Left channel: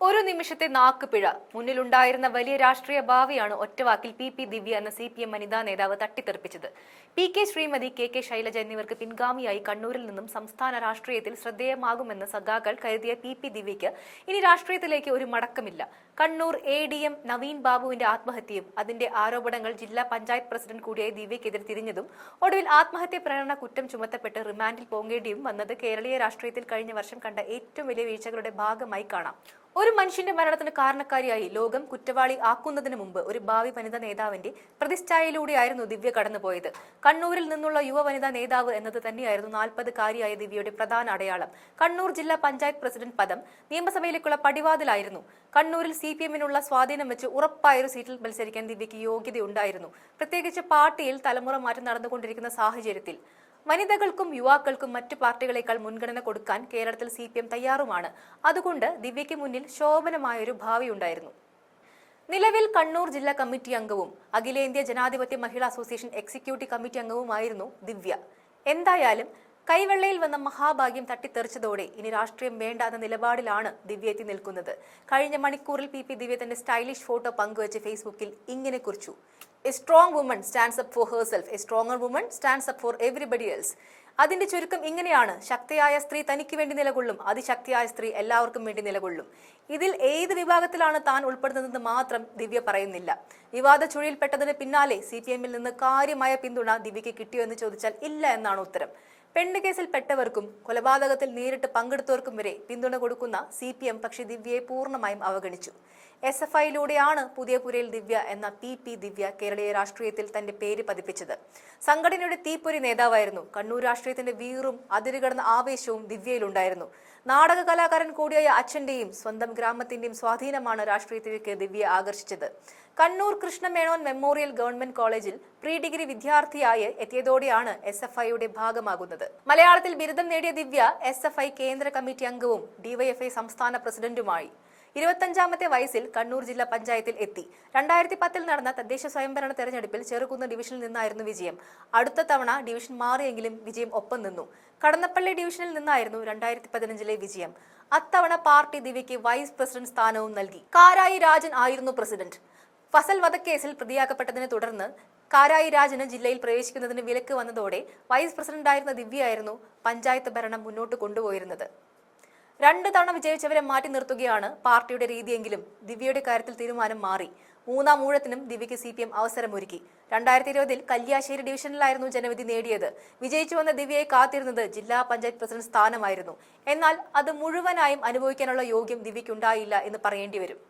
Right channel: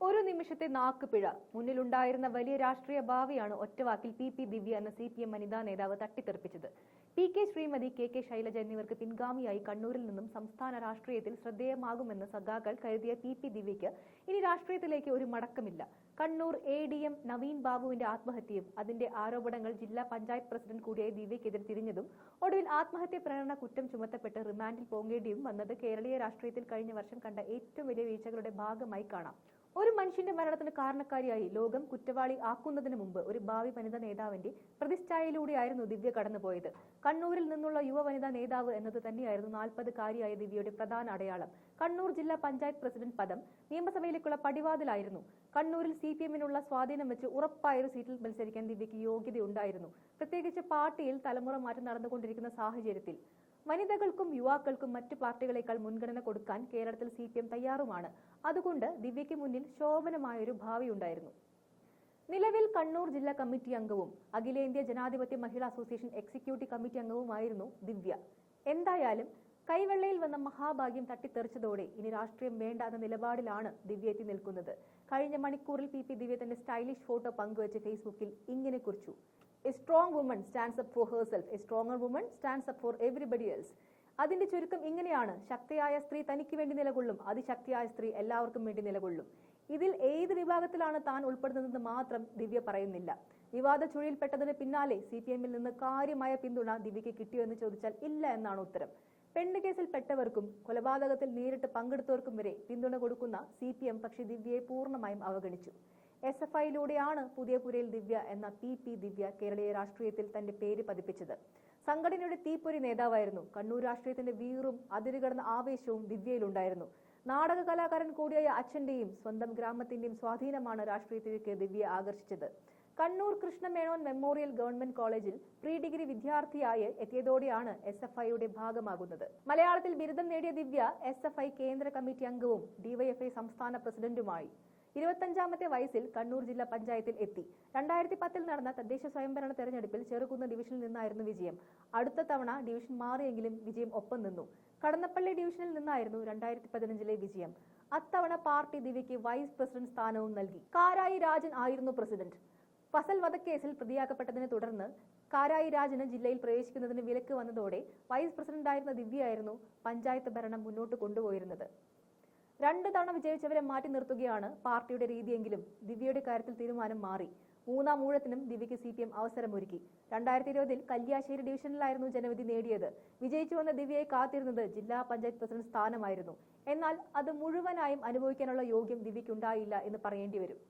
ഒരു നിമിഷത്തെ നാക്കുപിഴ മുന്നിലുണ്ടായിരുന്ന വലിയ രാഷ്ട്രീയ ഭാവിയാണ് ഒറ്റവാക്കിൽ പി ദിവ്യ എന്ന CPM വനിതാ നേതാവ് തട്ടിത്തെറിപ്പിച്ചത്. PK ശ്രീമതി, KK ശൈലജ എന്നിവർക്ക് പിൻഗാമിയായി കണ്ണൂരിൽ നിന്നും സംസ്ഥാന രാഷ്ട്രീയത്തിൽ ശ്രദ്ധേയമാകുമെന്ന് സഖാക്കൾ കരുതിയ പി ദിവ്യയ്ക്ക് ഇനി രാഷ്ട്രീയത്തിലേക്ക് ഒരു മടക്കമില്ല. കണ്ണൂർ ADM നവീൻ ബാബുവിന്റെ ആത്മഹത്യയും അതിന്റെ ആരോപണങ്ങൾ ജില്ലാ പഞ്ചായത്ത് പ്രസിഡന്റ് കൂടിയായ ദിവ്യക്കെതിരെ തിരിഞ്ഞതും ഒടുവിൽ ആത്മഹത്യ പ്രേരണ കുറ്റം ചുമത്തപ്പെട്ട് റിമാൻഡിൽ പോകേണ്ടിയും വന്നത് കേരളീയ രാഷ്ട്രീയത്തിൽ കഴിഞ്ഞ വർഷം കണ്ട ഏറ്റവും വലിയ വീഴ്ചകളുടെ ഭാഗമായി കാണാം. ഒരു മനുഷ്യന്റെ മരണത്തിന് കാരണക്കാരിയായി ലോകം കുറ്റവാളി ആക്കുന്നതിന് മുമ്പ് ഒരു ഭാവി വനിതാ നേതാവിന്റെ പ്രതിച്ഛായയിലൂടെയായിരുന്നു ദിവ്യ കടന്നുപോയത്. കണ്ണൂരിൽ നിന്നുള്ള യുവ വനിതാ നേതാവ് എന്നത് തന്നെയായിരുന്നു 40-കാരിയായ ദിവ്യയുടെ പ്രധാന അടയാളം. കണ്ണൂർ ജില്ലാ പഞ്ചായത്ത് പ്രസിഡന്റ് പദം നിയമസഭയിലേക്കുള്ള പടിവാതിലായിരുന്നു. കണ്ണൂരിൽ CPMനുള്ള സ്വാധീനം വെച്ച് ഉറപ്പായൊരു സീറ്റിൽ മത്സരിക്കാൻ ദിവ്യയ്ക്ക് യോഗ്യതയുണ്ടായിരുന്നു. പ്രത്യേകിച്ച് പാർട്ടിയിൽ തലമുറ മാറ്റം നടന്നുകൊണ്ടിരിക്കുന്ന സാഹചര്യത്തിൽ വനിതകൾക്കും യുവാക്കൾക്കും മറ്റു പാർട്ടികളെക്കാൾ മുൻഗണന കൊടുക്കാൻ കേരളത്തിൽ CPM തയ്യാറുമാണ്. അതുകൊണ്ട് ദിവ്യയ്ക്ക് മുന്നിൽ ശോഭനമായൊരു ഭാവിയുണ്ടായിരുന്നു. നിലവിൽ കണ്ണൂർ ജില്ലാ കമ്മിറ്റി അംഗവും അഖിലേന്ത്യാ ജനാധിപത്യ മഹിളാ അസോസിയേഷൻ എക്സിക്യൂട്ടീവ് കമ്മിറ്റി അംഗവുമായിരുന്നു ദിവ്യ. എന്തായാലും കൈവെള്ളയിൽ വന്ന മഹാഭാഗ്യം തട്ടിത്തെറിച്ചതോടെ ഇനി രാഷ്ട്രീയം വേണ്ട എന്ന നിലപാടിലാണ് ദിവ്യ എത്തി നിൽക്കുന്നത്. കഴിഞ്ഞ മണിക്കൂറിൽ പി ദിവ്യ തന്റെ സ്റ്റൈലിഷ് ഫോട്ടോ പങ്കുവച്ച് ഫേസ്ബുക്കിൽ ഇങ്ങനെ കുറിച്ചു: A strong woman stands up four herself, A stronger woman stands up four everybody else. അതിന്റെ ചുരുക്കം ഇങ്ങനെയാണ്: ശക്തിയായ സ്ത്രീ തനിക്ക് വേണ്ടി നിലകൊള്ളും, അതിശക്തിയായ സ്ത്രീ എല്ലാവർക്കും വേണ്ടി നിലകൊള്ളും. ഇതിൽ ഏത് വിഭാഗത്തിലാണ് താൻ ഉൾപ്പെടുന്നതെന്ന് മാത്രം ദിവ്യ പറയുന്നില്ല. വിവാദ ചുഴിയിൽപ്പെട്ടതിന് പിന്നാലെ CPMൽ നിന്ന് കാര്യമായ പിന്തുണ ദിവ്യയ്ക്ക് കിട്ടിയോ എന്ന് ചോദിച്ചാൽ ഇല്ല എന്നാണ് ഉത്തരം. പെണ്ണുകേസിൽ പെട്ടവർക്കും കൊലപാതകത്തിൽ നേരിട്ട് പങ്കെടുത്തവർക്കും വരെ പിന്തുണ കൊടുക്കുന്ന CPM പക്ഷേ ദിവ്യയെ പൂർണ്ണമായും അവഗണിച്ചു. SFIയിലൂടെയാണ് പുതിയ പുരയിൽ ദിവ്യ എന്ന പി ദിവ്യ കേരളീയ രാഷ്ട്രീയത്തിൽ തന്റെ പേര് പതിപ്പിച്ചത്. സംഘടനയുടെ തീപ്പൊരി നേതാവായിരുന്നു. കണ്ണൂർ രാഷ്ട്രീയത്തിന്റെ വീറും അതിരുകടന്ന ആവേശവും ദിവ്യയിലുണ്ടായിരുന്നു. നാടക കലാകാരൻ കൂടിയായ അച്ഛന്റെയും സ്വന്തം ഗ്രാമത്തിന്റെയും സ്വാധീനമാണ് രാഷ്ട്രീയത്തിലേക്ക് ദിവ്യ ആകർഷിച്ചത്. കണ്ണൂർ കൃഷ്ണമേനോൻ മെമ്മോറിയൽ ഗവൺമെന്റ് കോളേജിൽ പ്രീ ഡിഗ്രി വിദ്യാർത്ഥിയായി എത്തിയതോടെയാണ് SFIയുടെ ഭാഗമാകുന്നത്. മലയാളത്തിൽ ബിരുദം നേടിയ ദിവ്യ SFI കേന്ദ്ര കമ്മിറ്റി അംഗവും DYFI സംസ്ഥാന പ്രസിഡന്റുമായി. 25-ാമത്തെ വയസ്സിൽ കണ്ണൂർ ജില്ലാ പഞ്ചായത്തിൽ എത്തി. 2010-ൽ നടന്ന തദ്ദേശ സ്വയംഭരണ തെരഞ്ഞെടുപ്പിൽ ചെറുകുന്ന് ഡിവിഷനിൽ നിന്നായിരുന്നു വിജയം. അടുത്ത തവണ ഡിവിഷൻ മാറിയെങ്കിലും വിജയം ഒപ്പം നിന്നു. കടന്നപ്പള്ളി ഡിവിഷനിൽ നിന്നായിരുന്നു 2015-ലെ വിജയം. അത്തവണ പാർട്ടി ദിവ്യയ്ക്ക് വൈസ് പ്രസിഡന്റ് സ്ഥാനവും നൽകി. കാരായി രാജൻ ആയിരുന്നു പ്രസിഡന്റ്. ഫസൽ വധക്കേസിൽ പ്രതിയാക്കപ്പെട്ടതിനെ തുടർന്ന് കാരായി രാജന് ജില്ലയിൽ പ്രവേശിക്കുന്നതിന് വിലക്ക് വന്നതോടെ വൈസ് പ്രസിഡന്റായിരുന്ന ദിവ്യയായിരുന്നു പഞ്ചായത്ത് ഭരണം മുന്നോട്ട് കൊണ്ടുപോയിരുന്നത്. 2 തവണ വിജയിച്ചവരെ മാറ്റി നിർത്തുകയാണ് പാർട്ടിയുടെ രീതിയെങ്കിലും ദിവ്യയുടെ കാര്യത്തിൽ തീരുമാനം മാറി. 3-ാം ഊഴത്തിനും ദിവ്യയ്ക്ക് CPM അവസരമൊരുക്കി. 2020-ൽ കല്യാശ്ശേരി ഡിവിഷനിലായിരുന്നു ജനവിധി നേടിയത്. വിജയിച്ചു വന്ന ദിവ്യയെ കാത്തിരുന്നത് ജില്ലാ പഞ്ചായത്ത് പ്രസിഡന്റ് സ്ഥാനമായിരുന്നു. എന്നാൽ അത് മുഴുവനായും അനുഭവിക്കാനുള്ള യോഗ്യം ദിവ്യയ്ക്കുണ്ടായില്ല എന്ന് പറയേണ്ടി വരും.